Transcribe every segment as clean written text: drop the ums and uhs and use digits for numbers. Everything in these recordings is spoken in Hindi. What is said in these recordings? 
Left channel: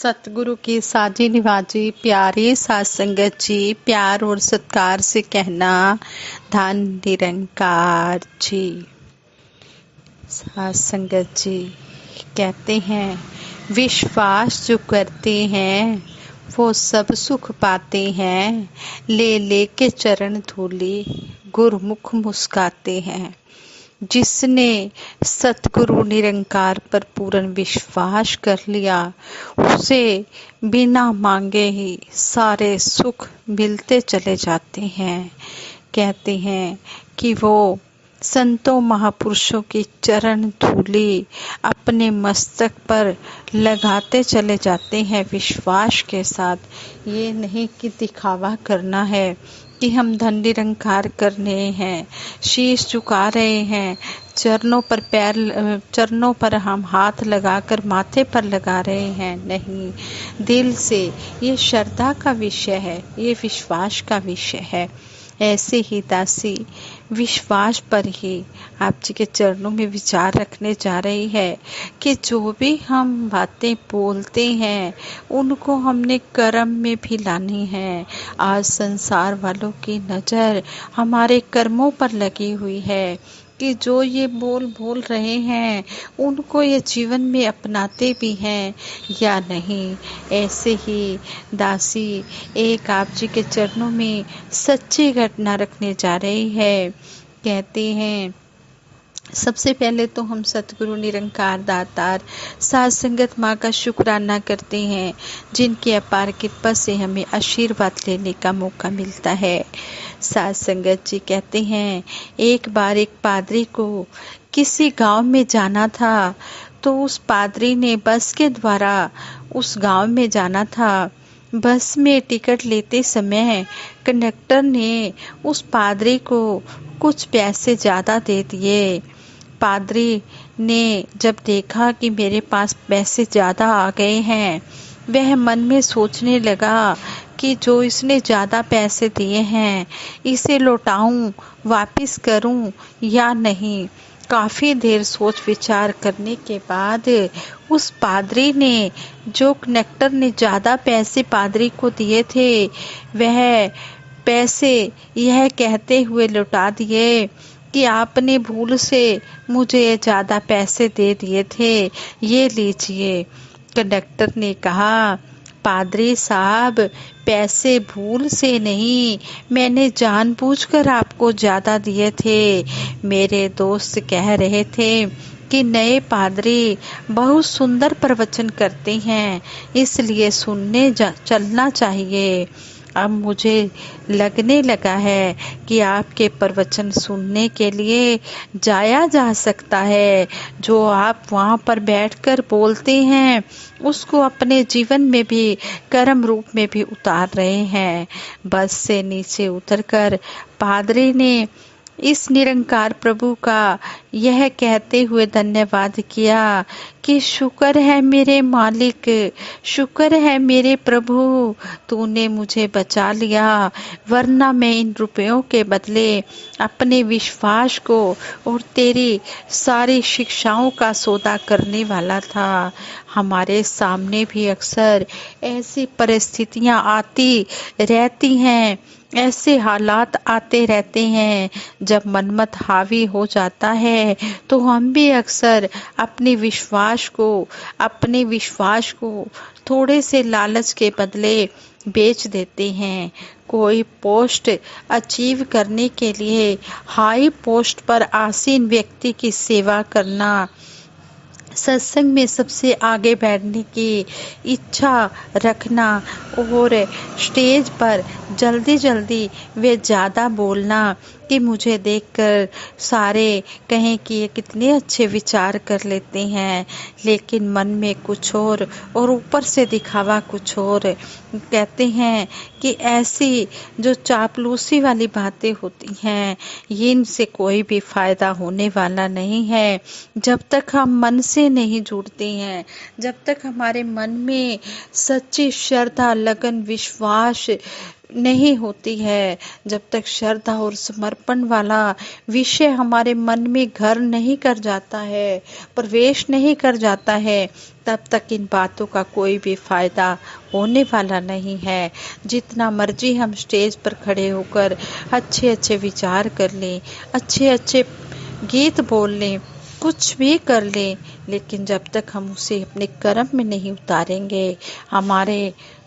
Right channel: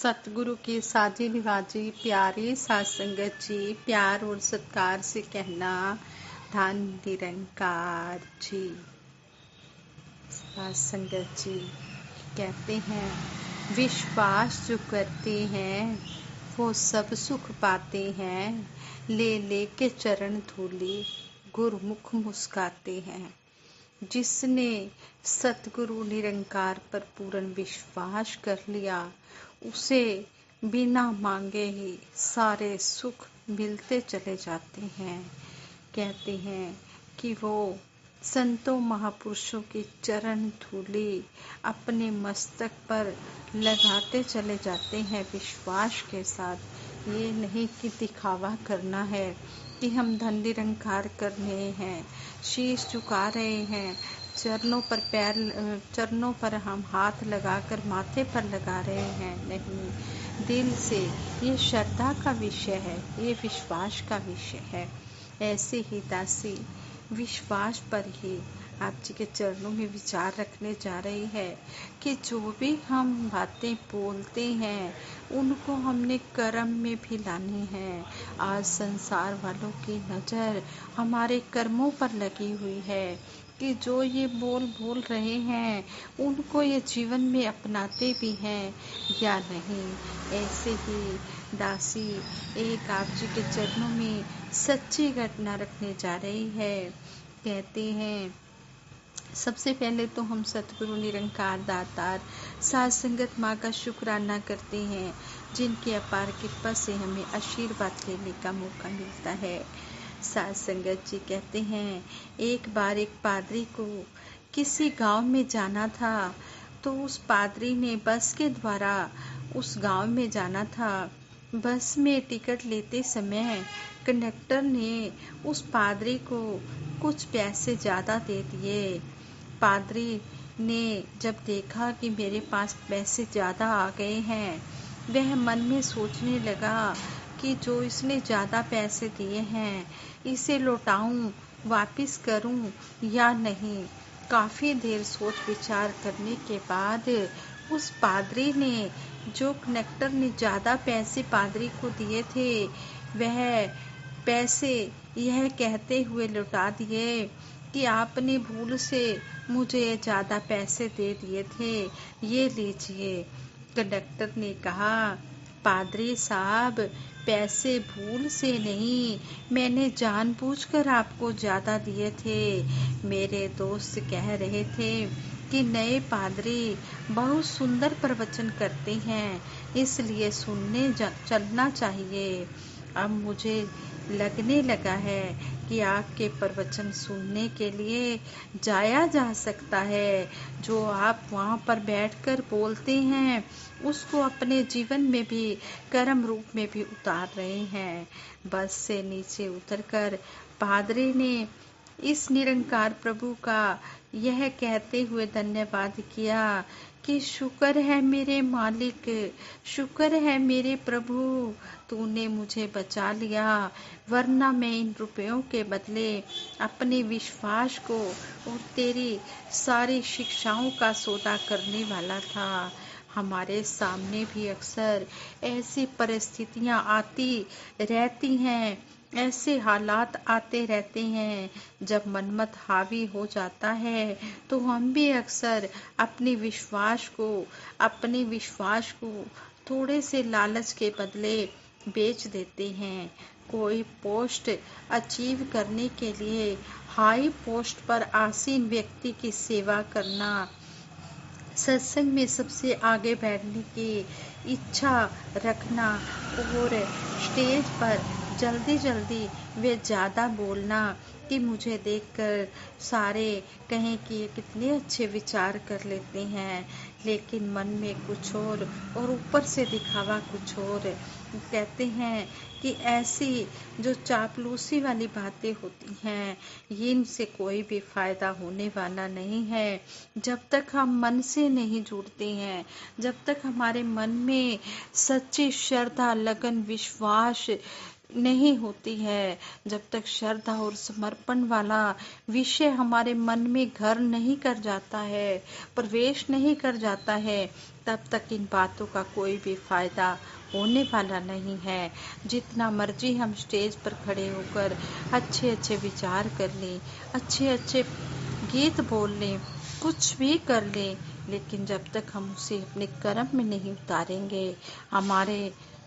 सतगुरु की साजी निवाजी प्यारी सात संगत जी, प्यार और सत्कार से कहना धन निरंकार जी। सात संगत जी कहते हैं, विश्वास जो करते हैं वो सब सुख पाते हैं। ले ले के चरण धूली गुरमुख मुस्काते हैं। जिसने सतगुरु निरंकार पर पूर्ण विश्वास कर लिया, उसे बिना मांगे ही सारे सुख मिलते चले जाते हैं। कहते हैं कि वो संतों महापुरुषों की चरण धूली अपने मस्तक पर लगाते चले जाते हैं विश्वास के साथ। ये नहीं कि दिखावा करना है कि हम धन निरंकार कर रहे हैं, शीश झुका रहे हैं, चरणों पर हम हाथ लगाकर माथे पर लगा रहे हैं। नहीं, दिल से ये श्रद्धा का विषय है, ये विश्वास का विषय है। ऐसे ही दासी विश्वास पर ही आप जी के चरणों में विचार रखने जा रही है कि जो भी हम बातें बोलते हैं उनको हमने कर्म में भी लानी है। आज संसार वालों की नज़र हमारे कर्मों पर लगी हुई है कि जो ये बोल रहे हैं उनको ये जीवन में अपनाते भी हैं या नहीं। ऐसे ही दासी एक आप जी के चरणों में सच्ची घटना रखने जा रही है। कहते हैं, सबसे पहले तो हम सतगुरु निरंकार दातार सात संगत माँ का शुक्राना करते हैं, जिनकी अपार कृपा से हमें आशीर्वाद लेने का मौका मिलता है। सात संगत जी कहते हैं, एक बार एक पादरी को किसी गांव में जाना था, तो उस पादरी ने बस के द्वारा उस गांव में जाना था। बस में टिकट लेते समय कंडक्टर ने उस पादरी को कुछ पैसे ज़्यादा दे दिए। पादरी ने जब देखा कि मेरे पास पैसे ज़्यादा आ गए हैं, वह मन में सोचने लगा कि जो इसने ज़्यादा पैसे दिए हैं इसे लौटाऊं, वापस करूं या नहीं। काफ़ी देर सोच विचार करने के बाद उस पादरी ने, जो कंडक्टर ने ज़्यादा पैसे पादरी को दिए थे, वह पैसे यह कहते हुए लौटा दिए कि आपने भूल से मुझे ज़्यादा पैसे दे दिए थे, ये लीजिए। कंडक्टर ने कहा, पादरी साहब, पैसे भूल से नहीं, मैंने जानबूझकर आपको ज़्यादा दिए थे। मेरे दोस्त कह रहे थे कि नए पादरी बहुत सुंदर प्रवचन करते हैं, इसलिए सुनने चलना चाहिए। अब मुझे लगने लगा है कि आपके प्रवचन सुनने के लिए जाया जा सकता है। जो आप वहाँ पर बैठकर बोलते हैं उसको अपने जीवन में भी कर्म रूप में भी उतार रहे हैं। बस से नीचे उतरकर पादरी ने इस निरंकार प्रभु का यह कहते हुए धन्यवाद किया कि शुक्र है मेरे मालिक, शुक्र है मेरे प्रभु, तूने मुझे बचा लिया, वरना मैं इन रुपयों के बदले अपने विश्वास को और तेरी सारी शिक्षाओं का सौदा करने वाला था। हमारे सामने भी अक्सर ऐसी परिस्थितियां आती रहती हैं, ऐसे हालात आते रहते हैं। जब मनमत हावी हो जाता है तो हम भी अक्सर अपने विश्वास को थोड़े से लालच के बदले बेच देते हैं। कोई पोस्ट अचीव करने के लिए हाई पोस्ट पर आसीन व्यक्ति की सेवा करना, सत्संग में सबसे आगे बैठने की इच्छा रखना और स्टेज पर जल्दी वे ज़्यादा बोलना कि मुझे देखकर सारे कहें कि ये कितने अच्छे विचार कर लेते हैं, लेकिन मन में कुछ और ऊपर से दिखावा कुछ और। कहते हैं कि ऐसी जो चापलूसी वाली बातें होती हैं, ये इनसे कोई भी फ़ायदा होने वाला नहीं है। जब तक हम मन से नहीं जुड़ते हैं, जब तक हमारे मन में सच्ची श्रद्धा, लगन, विश्वास नहीं होती है, जब तक श्रद्धा और समर्पण वाला विषय हमारे मन में घर नहीं कर जाता है, प्रवेश नहीं कर जाता है, तब तक इन बातों का कोई भी फायदा होने वाला नहीं है। जितना मर्जी हम स्टेज पर खड़े होकर अच्छे अच्छे विचार कर लें, अच्छे अच्छे गीत बोल लें, कुछ भी कर लें, लेकिन जब तक हम उसे अपने कर्म में नहीं उतारेंगे,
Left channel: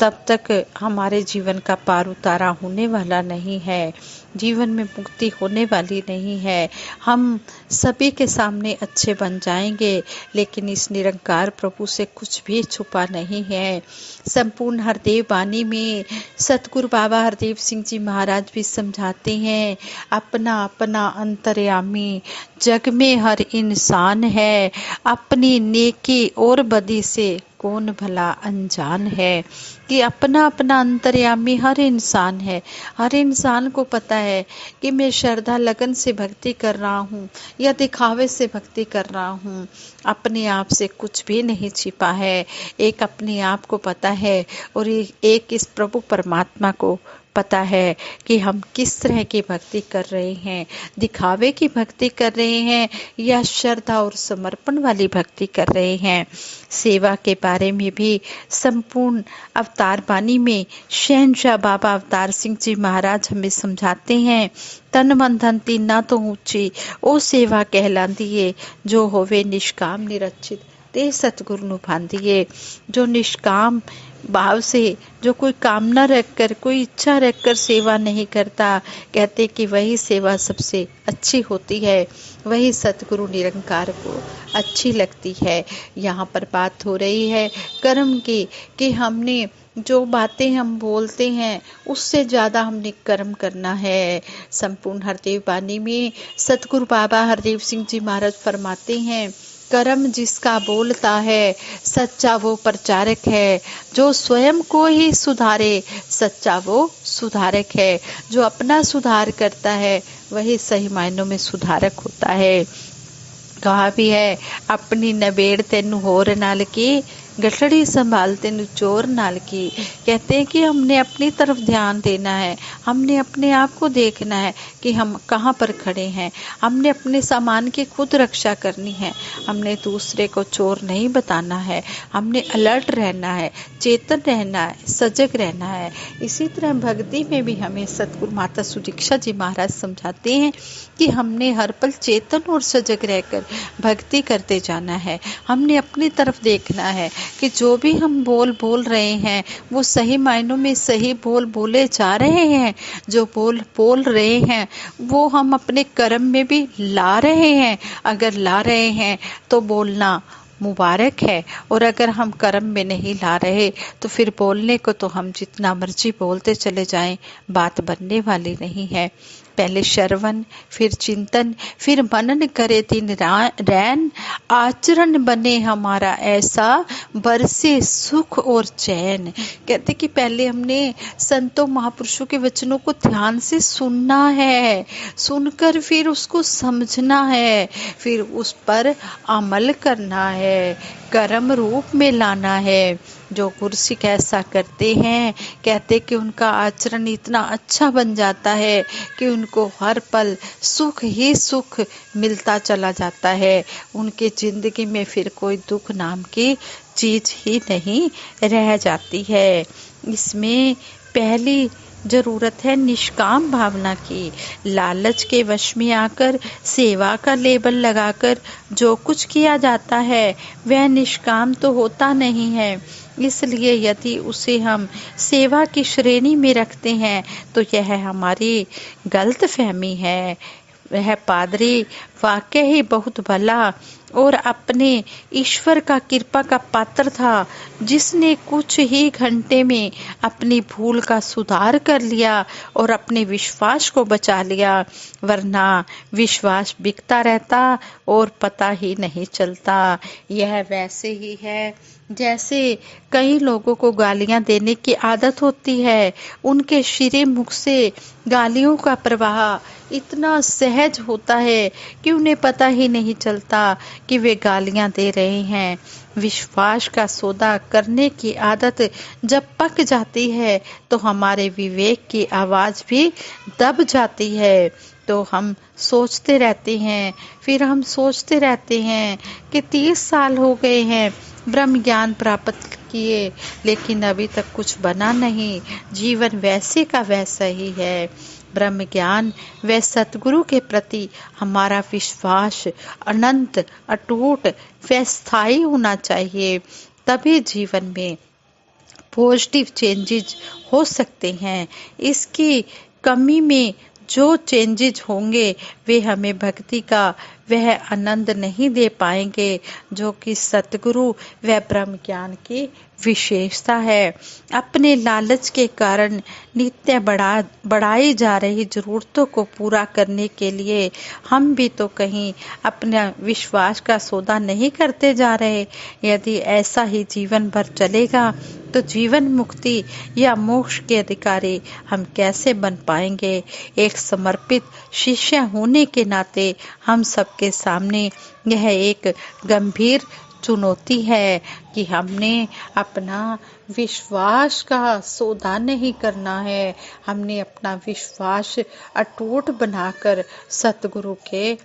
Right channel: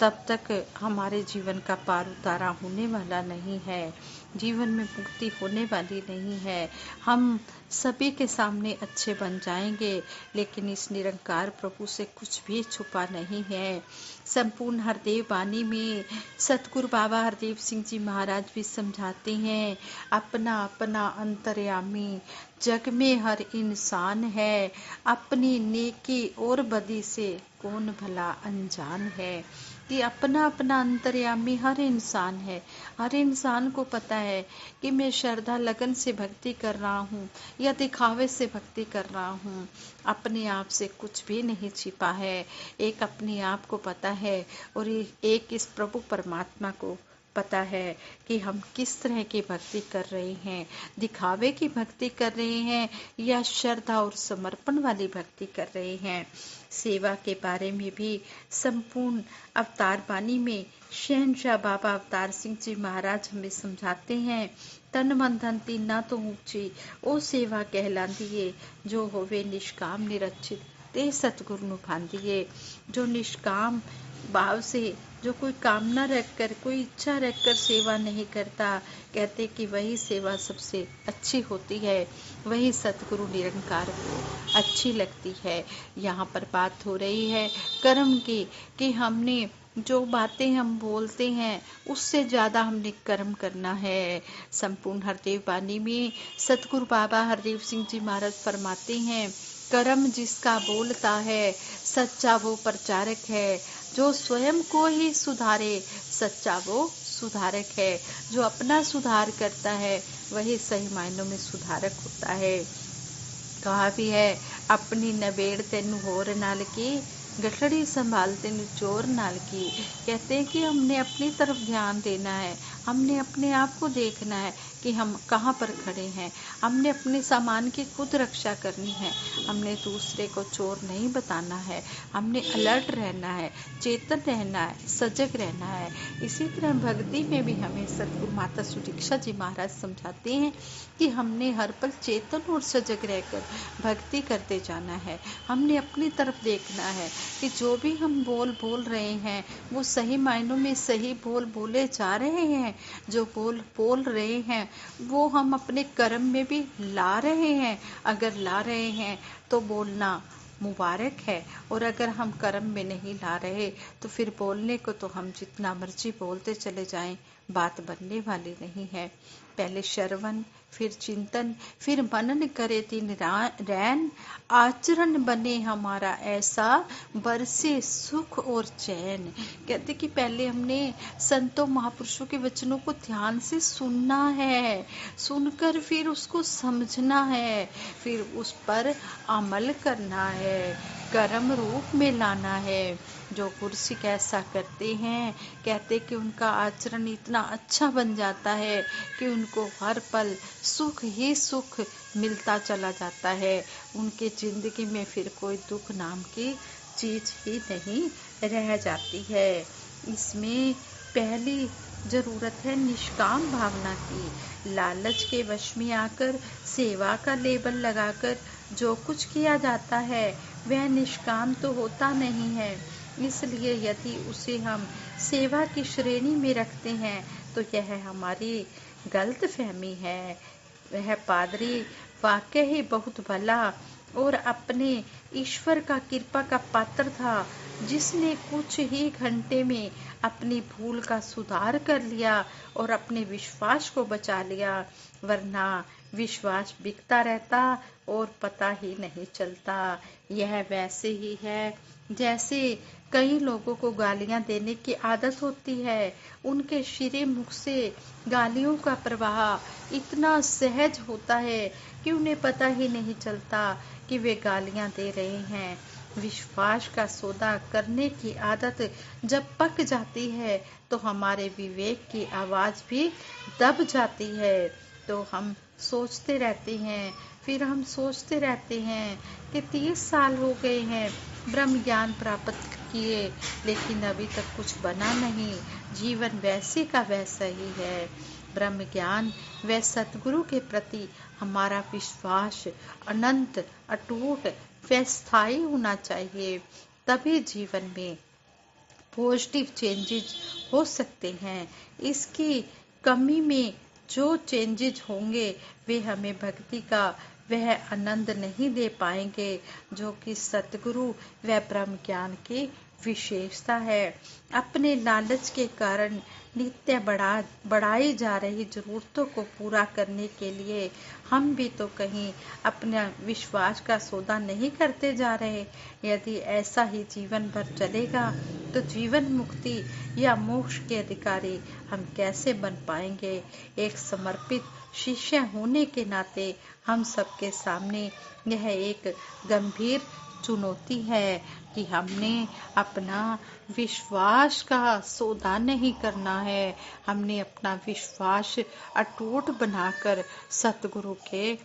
तब तक हमारे जीवन का पार उतारा होने वाला नहीं है, जीवन में मुक्ति होने वाली नहीं है। हम सभी के सामने अच्छे बन जाएंगे, लेकिन इस निरंकार प्रभु से कुछ भी छुपा नहीं है। संपूर्ण हरदेव वाणी में सतगुरु बाबा हरदेव सिंह जी महाराज भी समझाते हैं, अपना अपना अंतर्यामी जग में हर इंसान है, अपनी नेकी और बदी से कौन भला अनजान है। कि अपना अपना अंतर्यामी हर इंसान है। हर इंसान को पता है कि मैं श्रद्धा लगन से भक्ति कर रहा हूँ या दिखावे से भक्ति कर रहा हूँ। अपने आप से कुछ भी नहीं छिपा है। एक अपने आप को पता है और एक इस प्रभु परमात्मा को पता है कि हम किस तरह की भक्ति कर रहे हैं, दिखावे की भक्ति कर रहे हैं या श्रद्धा और समर्पण वाली भक्ति कर रहे हैं। सेवा के बारे में भी संपूर्ण अवतार वाणी में शहंशाह बाबा अवतार सिंह जी महाराज हमें समझाते हैं, तन मन धन तीन ना तो ऊंची ओ सेवा कहलांदी है, जो होवे निष्काम निरचित ते सतगुरु नु भांदिए। जो निष्काम भाव से, जो कोई कामना रखकर, कोई इच्छा रखकर सेवा नहीं करता, कहते कि वही सेवा सबसे अच्छी होती है, वही सतगुरु निरंकार को अच्छी लगती है। यहाँ पर बात हो रही है कर्म की, कि हमने जो बातें हम बोलते हैं उससे ज़्यादा हमने कर्म करना है। संपूर्ण हरदेव वाणी में सतगुरु बाबा हरदेव सिंह जी महाराज फरमाते हैं, कर्म जिसका बोलता है सच्चा वो प्रचारक है, जो स्वयं को ही सुधारे सच्चा वो सुधारक है। जो अपना सुधार करता है वही सही मायनों में सुधारक होता है। कहा भी है, अपनी नबेड़ तेनू होर नाल की, गठड़ी संभाल तेनू चोर नाल की। कहते हैं कि हमने अपनी तरफ ध्यान देना है, हमने अपने आप को देखना है कि हम कहाँ पर खड़े हैं, हमने अपने सामान की खुद रक्षा करनी है, हमने दूसरे को चोर नहीं बताना है, हमने अलर्ट रहना है, चेतन रहना है, सजग रहना है। इसी तरह भक्ति में भी हमें सतगुरु माता सुदीक्षा जी महाराज समझाते हैं कि हमने हर पल चेतन और सजग रहकर भक्ति करते जाना है। हमने अपनी तरफ देखना है कि जो भी हम बोल रहे हैं वो सही मायनों में सही बोले जा रहे हैं। जो बोल रहे हैं वो हम अपने कर्म में भी ला रहे हैं। अगर ला रहे हैं तो बोलना मुबारक है, और अगर हम कर्म में नहीं ला रहे तो फिर बोलने को तो हम जितना मर्जी बोलते चले जाएं, बात बनने वाली नहीं है। पहले श्रवण, फिर चिंतन, फिर मनन करे दिन रैन, आचरण बने हमारा ऐसा, बरसे सुख और चैन। कहते कि पहले हमने संतों महापुरुषों के वचनों को ध्यान से सुनना है, सुनकर फिर उसको समझना है, फिर उस पर अमल करना है, कर्म रूप में लाना है। जो गुरसिक ऐसा करते हैं, कहते कि उनका आचरण इतना अच्छा बन जाता है कि उनको हर पल सुख ही सुख मिलता चला जाता है। उनके जिंदगी में फिर कोई दुख नाम की चीज ही नहीं रह जाती है। इसमें पहली जरूरत है निष्काम भावना की। लालच के वश में आकर सेवा का लेबल लगाकर जो कुछ किया जाता है वह निष्काम तो होता नहीं है। इसलिए यदि उसे हम सेवा की श्रेणी में रखते हैं तो यह हमारी गलत फहमी है। वह पादरी वाकई ही बहुत भला और अपने ईश्वर का कृपा का पात्र था, जिसने कुछ ही घंटे में अपनी भूल का सुधार कर लिया और अपने विश्वास को बचा लिया, वरना विश्वास बिकता रहता और पता ही नहीं चलता। यह वैसे ही है जैसे कई लोगों को गालियां देने की आदत होती है। उनके शिरे मुख से गालियों का प्रवाह इतना सहज होता है कि उन्हें पता ही नहीं चलता कि वे गालियां दे रहे हैं। विश्वास का सौदा करने की आदत जब पक जाती है तो हमारे विवेक की आवाज भी दब जाती है। तो हम सोचते रहते हैं, फिर हम सोचते रहते हैं कि 30 साल हो गए हैं, ब्रह्म ज्ञान प्राप्त किए लेकिन अभी तक कुछ बना नहीं। जीवन वैसे का वैसा ही है। ब्रह्म ज्ञान व सतगुरु के प्रति हमारा विश्वास अनंत, अटूट व स्थायी होना चाहिए। तभी जीवन में पॉजिटिव चेंजेस हो सकते हैं। इसकी कमी में जो चेंजेस होंगे वे हमें भक्ति का वह आनंद नहीं दे पाएंगे जो कि सतगुरु व ब्रह्म ज्ञान की विशेषता है। अपने लालच के कारण नित्य बढ़ाई जा रही जरूरतों को पूरा करने के लिए हम भी तो कहीं अपना विश्वास का सौदा नहीं करते जा रहे। यदि ऐसा ही जीवन भर चलेगा तो जीवन मुक्ति या मोक्ष के अधिकारी हम कैसे बन पाएंगे। एक समर्पित शिष्य होने के नाते हम सबके सामने यह एक गंभीर चुनौती है कि हमने अपना विश्वास का सौदा नहीं करना है। हमने अपना विश्वास अटूट बनाकर सतगुरु के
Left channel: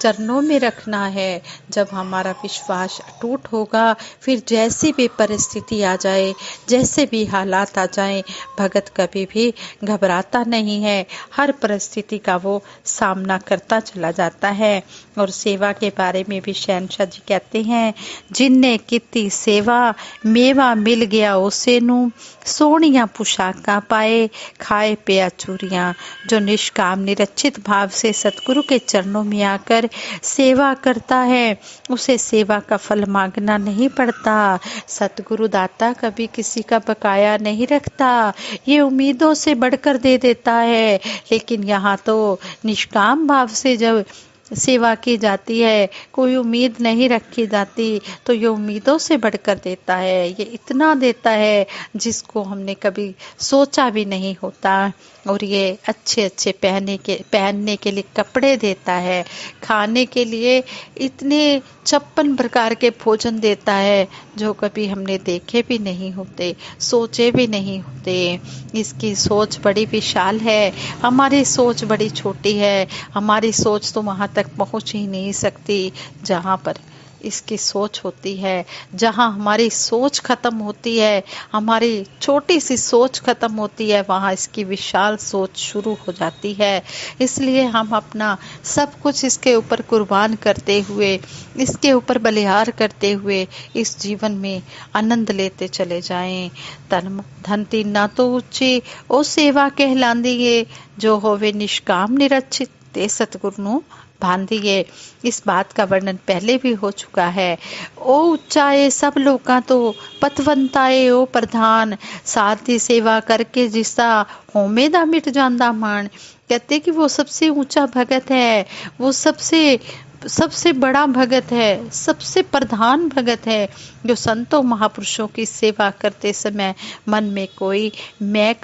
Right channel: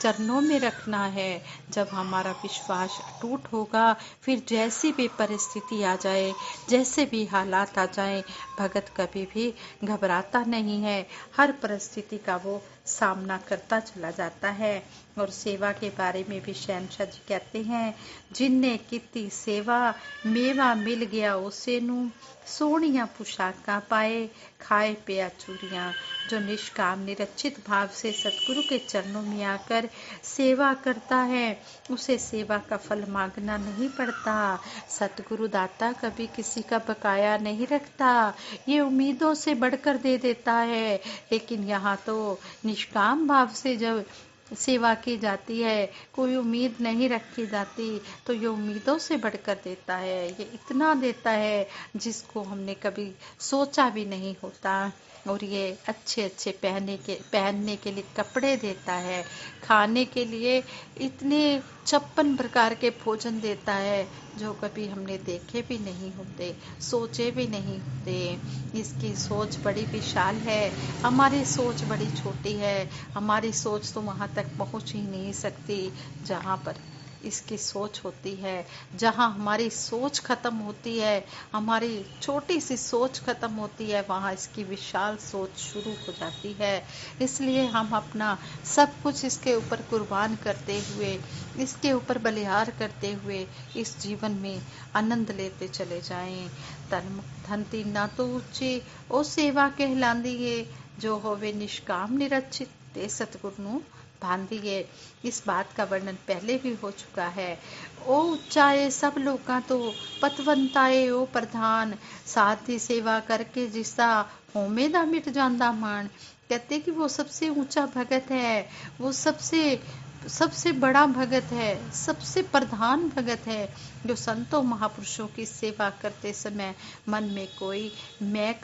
चरणों में रखना है। जब हमारा विश्वास अटूट होगा, फिर जैसी भी परिस्थिति आ जाए, जैसे भी हालात आ जाए, भगत कभी भी घबराता नहीं है। हर परिस्थिति का वो सामना करता चला जाता है। और सेवा के बारे में भी शहनशाह जी कहते हैं, जिनने किती सेवा मेवा मिल गया उसे नू, सोनिया पुशाका पाए खाए पिया चूरियाँ। जो निष्काम निरचित भाव से सतगुरु के चरणों में आकर सेवा करता है, उसे सेवा का फल मांगना नहीं पड़ता। सतगुरु दाता कभी किसी का बकाया नहीं रखता, ये उम्मीदों से बढ़कर दे देता है। लेकिन यहाँ तो निष्काम भाव से जब सेवा की जाती है, कोई उम्मीद नहीं रखी जाती, तो ये उम्मीदों से बढ़कर देता है। ये इतना देता है जिसको हमने कभी सोचा भी नहीं होता। और ये अच्छे अच्छे पहनने के लिए कपड़े देता है, खाने के लिए इतने 56 प्रकार के भोजन देता है जो कभी हमने देखे भी नहीं होते, सोचे भी नहीं होते। इसकी सोच बड़ी विशाल है, हमारी सोच बड़ी छोटी है। हमारी सोच तो वहाँ तक पहुँच ही नहीं सकती जहाँ पर इसकी सोच होती है। जहाँ हमारी सोच खत्म होती है, हमारी छोटी सी सोच खत्म होती है, वहाँ इसकी विशाल सोच शुरू हो जाती है। इसलिए हम अपना सब कुछ इसके ऊपर कुर्बान करते हुए, इसके ऊपर बलिहार करते हुए इस जीवन में आनंद लेते चले जाएं। धन तीना तो ऊंची ओ सेवा कहलांदी, जो होवे निष्काम निरचित ते सतगुरु नू भांदिए। इस बात का वर्णन पहले भी हो चुका है। ओ उच्चाए सब लोका तो पतवंताए ओ प्रधान, साधी सेवा करके जिसका होमे दा मिट जांदा मान। कहते कि वो सबसे ऊंचा भगत है, वो सबसे बड़ा भगत है, सबसे प्रधान भगत है, जो संतों महापुरुषों की सेवा करते समय मन में कोई मैं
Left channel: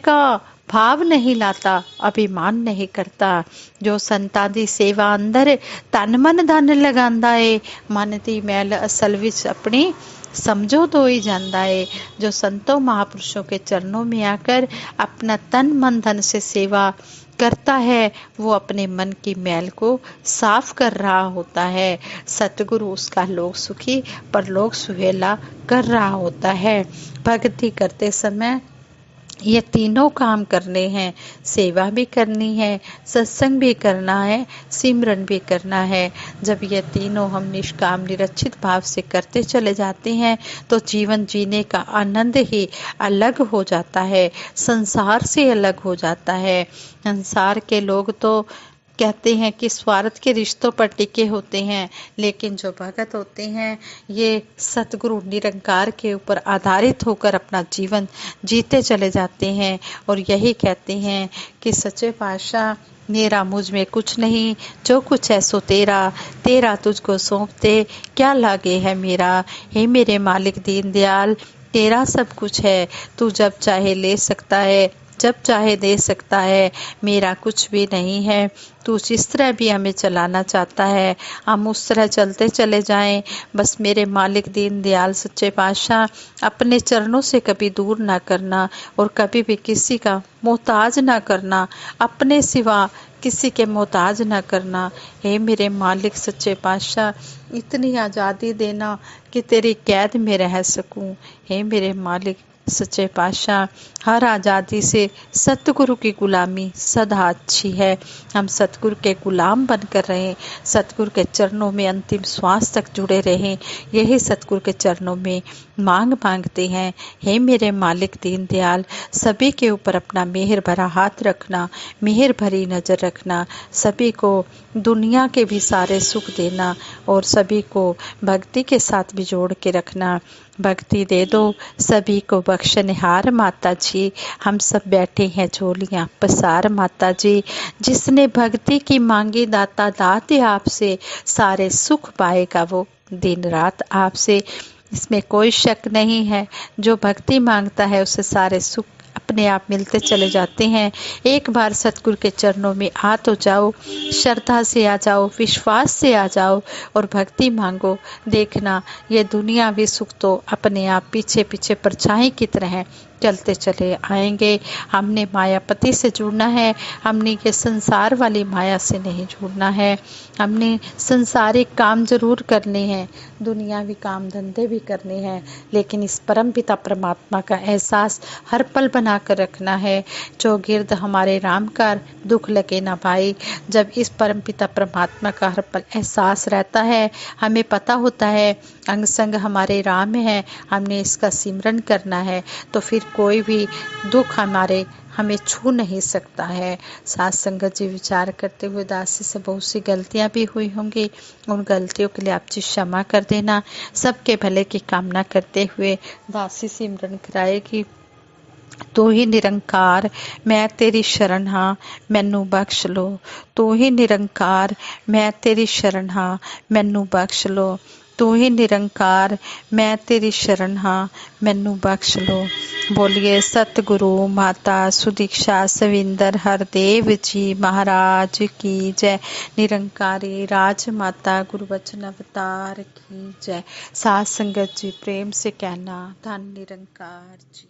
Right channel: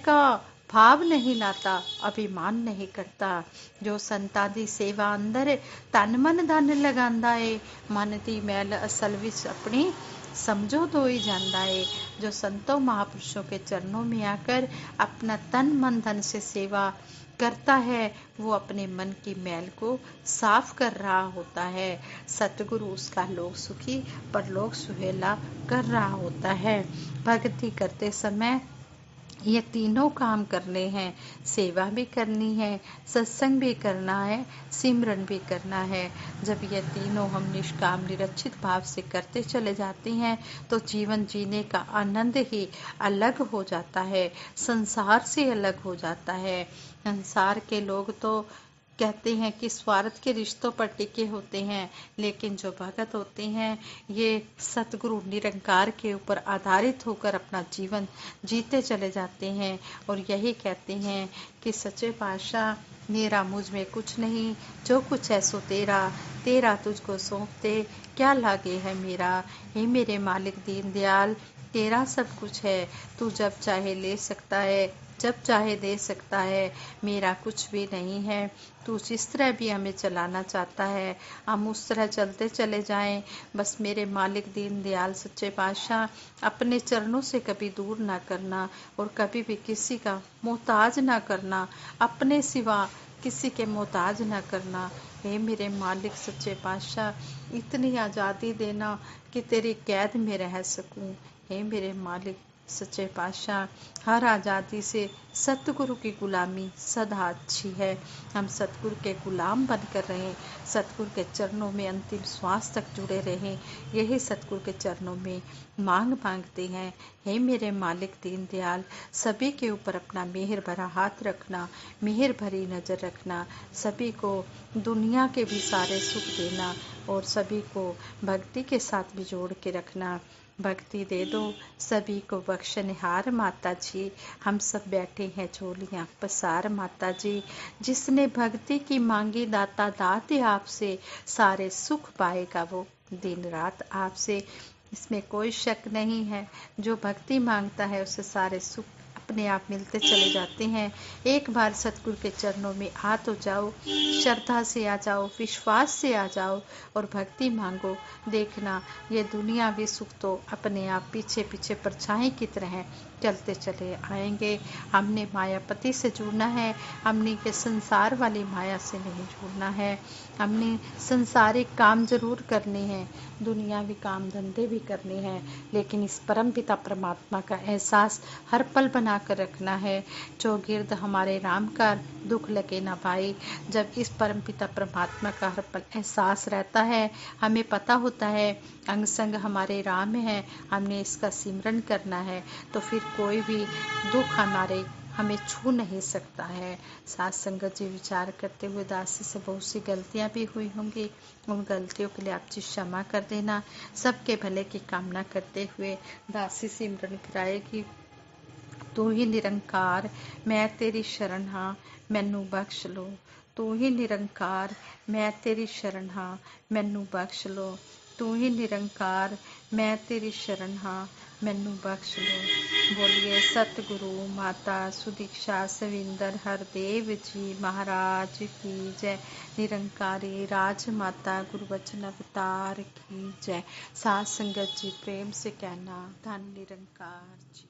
का भाव नहीं लाता, अभिमान नहीं करता। जो संतां दी सेवा अंदर तन मन धन लगांदा है, मन दी मैल असल विच अपनी समझो तो ही जांदा है। जो संतों महापुरुषों के चरणों में आकर अपना तन मन धन से सेवा करता है, वो अपने मन की मैल को साफ कर रहा होता है। सतगुरु उसका लोक सुखी परलोक सुहेला कर रहा होता है। भक्ति करते समय ये तीनों काम करने हैं, सेवा भी करनी है, सत्संग भी करना है, सिमरन भी करना है। जब ये तीनों हम निष्काम निरचित भाव से करते चले जाते हैं तो जीवन जीने का आनंद ही अलग हो जाता है, संसार से अलग हो जाता है। संसार के लोग तो कहते हैं कि स्वार्थ के रिश्तों पर टिके होते हैं, लेकिन जो भगत होते हैं ये सतगुरु निरंकार के ऊपर आधारित होकर अपना जीवन जीते चले जाते हैं। और यही कहते हैं कि सच्चे पातशाह, मेरा मुझ में कुछ नहीं, जो कुछ है सो तेरा, तेरा तुझको सौंपते क्या लागे है मेरा। हे मेरे मालिक दीन दयाल, तेरा सब कुछ है, तू जब चाहे ले सकता है, जब चाहे दे सकता है, मेरा कुछ भी नहीं है। तू जिस तरह भी हमें चलाना चाहता है हम उस तरह चलते चले जाएं। बस मेरे मालिक दीन दयाल सच्चे पातशाह, अपने चरणों से कभी दूर ना करना और कभी भी किसी का मोहताज ना करना। अपने सिवा किसी के मोहताज न करना। हे मेरे मालिक सच्चे पातशाह, इतनी आज़ादी देना कि तेरी कैद में रह सकूं। हे मेरे मालिक सच्चे पातशाह, हर आज़ादी से सतगुरु की गुलामी सदा अच्छी है। हम सतगुरु के गुलाम बनकर रहें, सतगुरु के चरणों में अंतिम श्वास तक जुड़े रहें, यही सतगुरु के चरणों में मांगते हैं। हे मेरे मालिक दीन दयाल, सभी के ऊपर अपना मेहर भरा हाथ रखना, मेहर भरी नज़र रखना, सभी को दुनिया के भी सारे सुख देना और सभी को भक्ति के साथ भी जोड़ के रखना। भक्ति दे दो सभी को बख्शनिहार माता जी, हम सब बैठे हैं झोलियाँ पसार माता जी। जिसने भक्ति की मांगी दाता दाते आपसे, सारे सुख पाएगा वो दिन रात आपसे। इसमें कोई शक नहीं है, जो भक्ति मांगता है उसे सारे सुख अपने आप मिलते चले जाते हैं। एक बार सतगुरु के चरणों में आ तो जाओ, श्रद्धा से आ जाओ, विश्वास से आ जाओ और भक्ति मांगो। देखना ये दुनियावी सुख तो अपने आप पीछे पीछे परछाई की तरह चलते चले आएंगे। हमने मायापति से जुड़ना है, हमने ये संसार वाली माया से नहीं जुड़ना है। हमने संसारिक काम जरूर करने हैं, दुनियावी काम धंधे भी करने हैं, लेकिन इस परम पिता परमात्मा का एहसास हर पल बना कर रखना है। जो गिरद हमारे राम का दुख लगे ना भाई। जब इस परम पिता परमात्मा का हर पल एहसास रहता है, हमें पता होता है अंग संग हमारे राम है, हमने इसका सिमरन करना है, तो फिर कोई भी दुख हमें छू नहीं सकता है। साथ संगत जी विचार करते हुए दासी से बहुत सी गलतियां भी हुई होंगी, उन गलतियों के लिए आप जी क्षमा कर देना। सबके भले की कामना करते हुए दासी सिमरन कराएगी। तू ही निरंकार मैं तेरी शरण हाँ, मैनू बख्श लो। तू ही निरंकार मैं तेरी शरण हाँ, मैनू बख्श लो। तू ही निरंकार मैं तेरी शरण हाँ, मैनू बख्श लो। बोलिए सतगुरु माता सुदीक्षा सविंदर हरदेव जी महाराज की जय। निरंकारी राज माता गुरु वचन अवतार की जय। साथ संगत जी प्रेम से कहना धन निरंकार जी।